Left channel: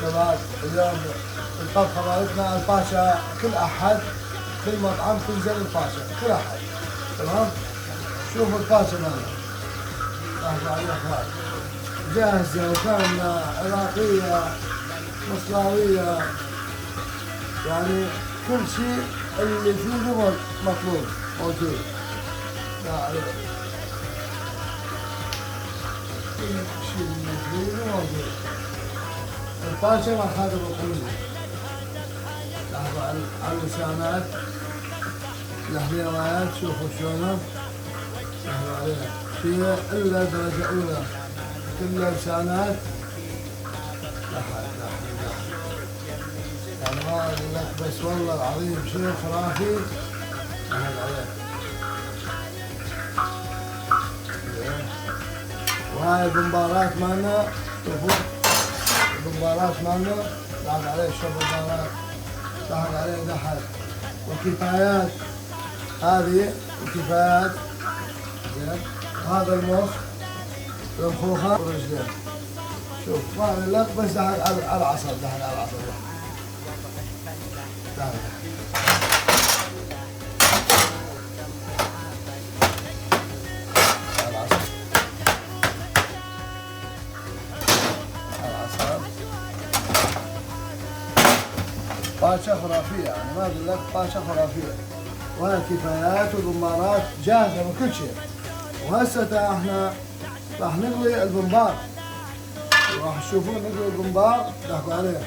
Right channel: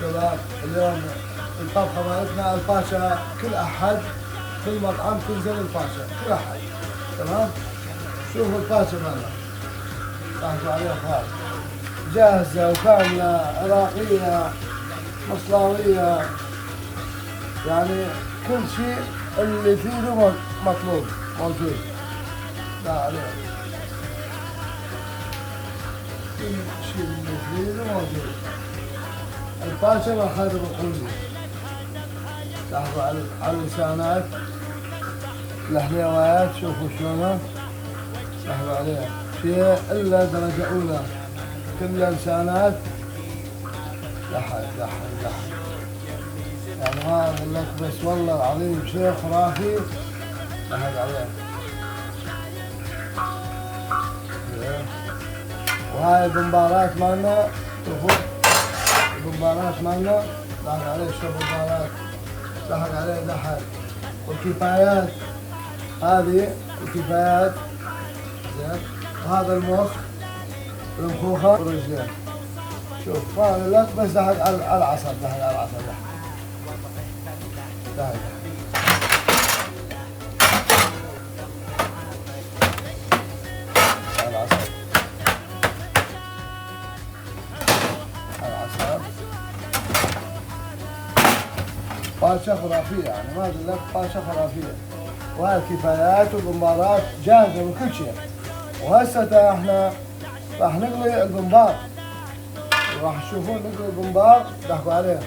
شباب اليوم الطبخة مالتنا الفاشا، كل أحد في مطعم تنزل الفاشا كل أحد. تمام؟ شوفوا الفاشا مالنا طاحت عليها خال جاهزة وكاملة، عراقية مصراوية، يعني كل شيء اللي فيه مطلوب موجود. لا عليك كل شيء اللي فيه موجود. الفاشا مع خادم القلبي. لاحظوا على اللسانات الحلويات، شوفوا شلونه لاحظوا عليها شيء الا درجة أولى، كل لسانات لحد يعني ما أقول لك بس والله العظيم شيء خرافي. لحد عليه وهاي البمبارات مالنا، شوفوا البمبارات مالنا لاحظ عليه شوف البمبارات لاحظ عليه دحل، والكفايات هذه الكفايات زين، وهذا المخ المخوخة والرجلين. شوف ما لك بس دحل على العصب، دحل على العصب دحل فاشا خرافية، يعني ما أقول لك فاشا خرافية. وهاي الكفايات والبمبارات جاهزة من كل شيء. وهسه احنا راح نقلي البمبار، راح تشوفون نقلي البمبار ضحكوا عليه.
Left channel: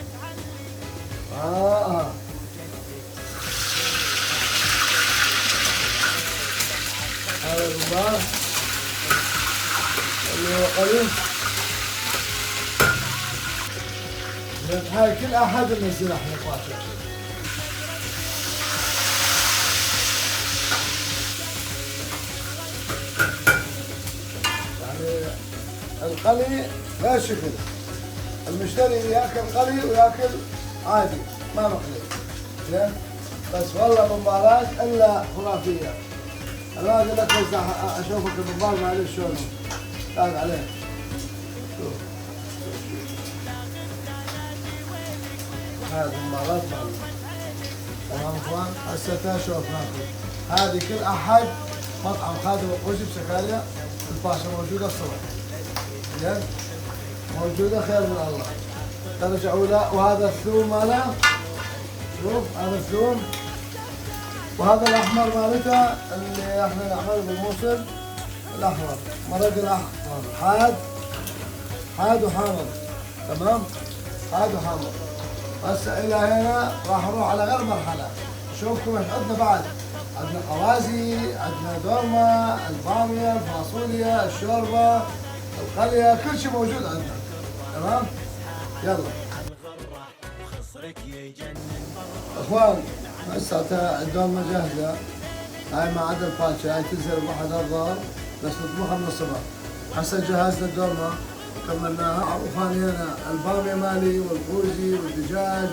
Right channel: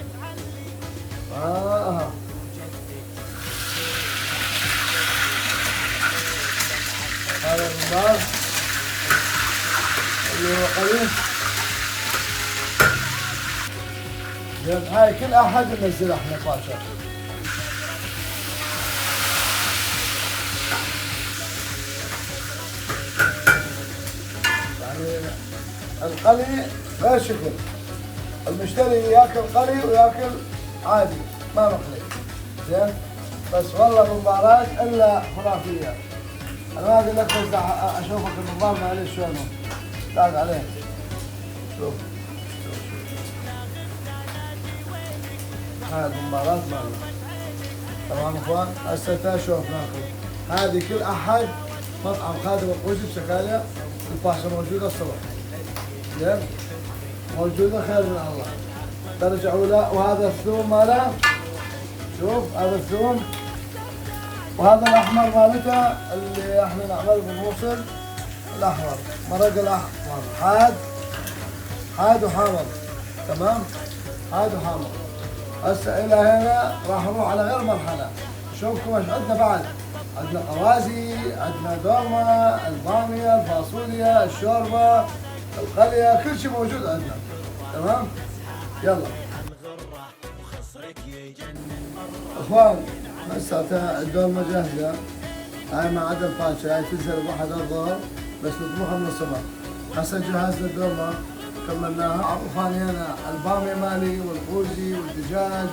هذا البمبار اللي هو قليل. هاي كل احد ننزلها احنا فاشا. يعني القلي غير شكل، المشتري ياكل قلي وياكل عادي ما مقلي زين. بس والله مباراة الا خرافية. انا ما اقول لك بس اشوفك المباراة معلش شلونه لاحظ عليه. شوف هذه المباراة مالنا. تمام اخوان؟ هسه شوف ناكل. هذه كل احد مطعم خادم القوسي بسكاليا الفاشا موجودة الصبح. زين؟ موجودة خير من الله. ترجعوا له. وهذا الثوم ماله. شوف هذا الثوم. وهذا الاحمر مالته اللي احنا نعمل بالموصل الاحمر، مرق الاحمر حاد وحامض. تمام؟ حاد وحامض. هسه الى هنا راح نروح على غير مرحله. نشوفكم ايش عندنا بعد. عندنا قوازي، عندنا دورمه، الباميه، الفاصوليا، الشوربه، القليه، كل شيء موجود عندنا. تمام؟ يلا اخوان هسه الدورمه جاهزه. هاي ما عدا الفاشا، هاي تنزل بواحد الظهر بس نطبخها من الصبح. هسه جهزنا الدورمه كملناها. وخانينا الباميه مالي والقوزي والدجاج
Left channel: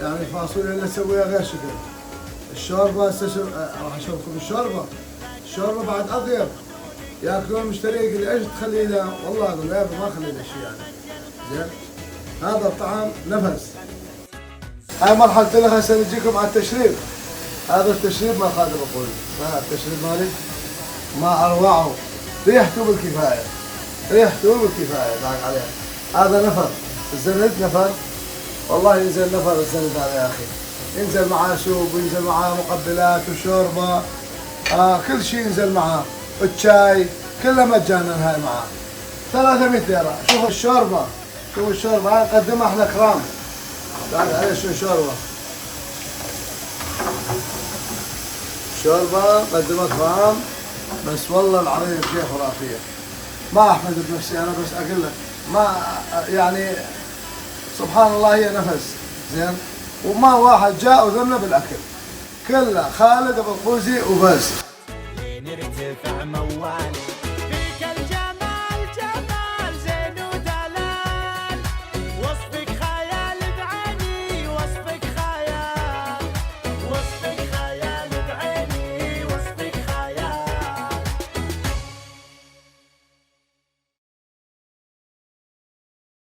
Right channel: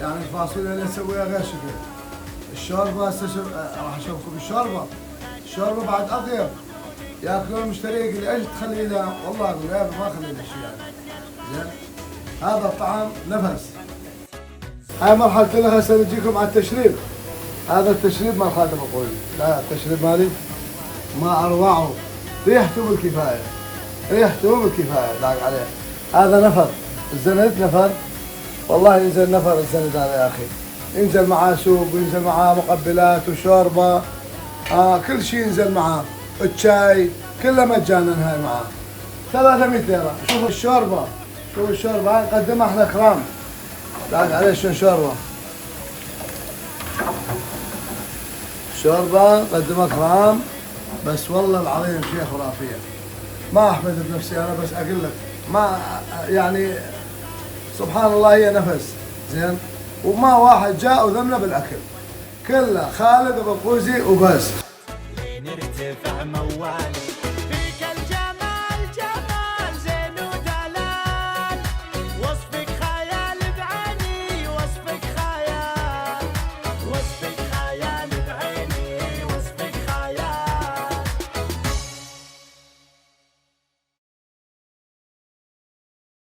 يعني الفاصوليا اللي نسويها غير شكل. الشوربه هسه راح اشوفكم الشوربه بعد اطيب. ياكلون المشتري يقول لي ايش تخلي له؟ والله اقول له ما اخلي له شيء يعني. زين؟ هذا الطعم نفس. هاي مرحله الاخ. هسه نجيكم على التشريب. هذا التشريب مال خادم القوزي. لا التشريب مالي ما اروعه، ريحته بالكفايه، ريحته بالكفايه لاحظ عليه. هذا نفر الزند، نفر والله ينزل نفر الزند هذا يا اخي. ينزل معاه سوق وينزل معاه مقبلات وشوربه، كل شيء ينزل معاه، الشاي كله مجانا هاي معاه. 300 ليره. شوفوا الشوربه، شوفوا الشوربه هاي نقدمها احنا كرام. لاحظ عليه شو شوربه. شوربه نقدمها كرام بس والله العظيم شيء خرافيه. ما احمد بنفسي انا بس اقول لك ما يعني سبحان الله هي نفس. زين؟ وما واحد جاء وذمنا بالاكل، كله خالد ابو القوزي وبس.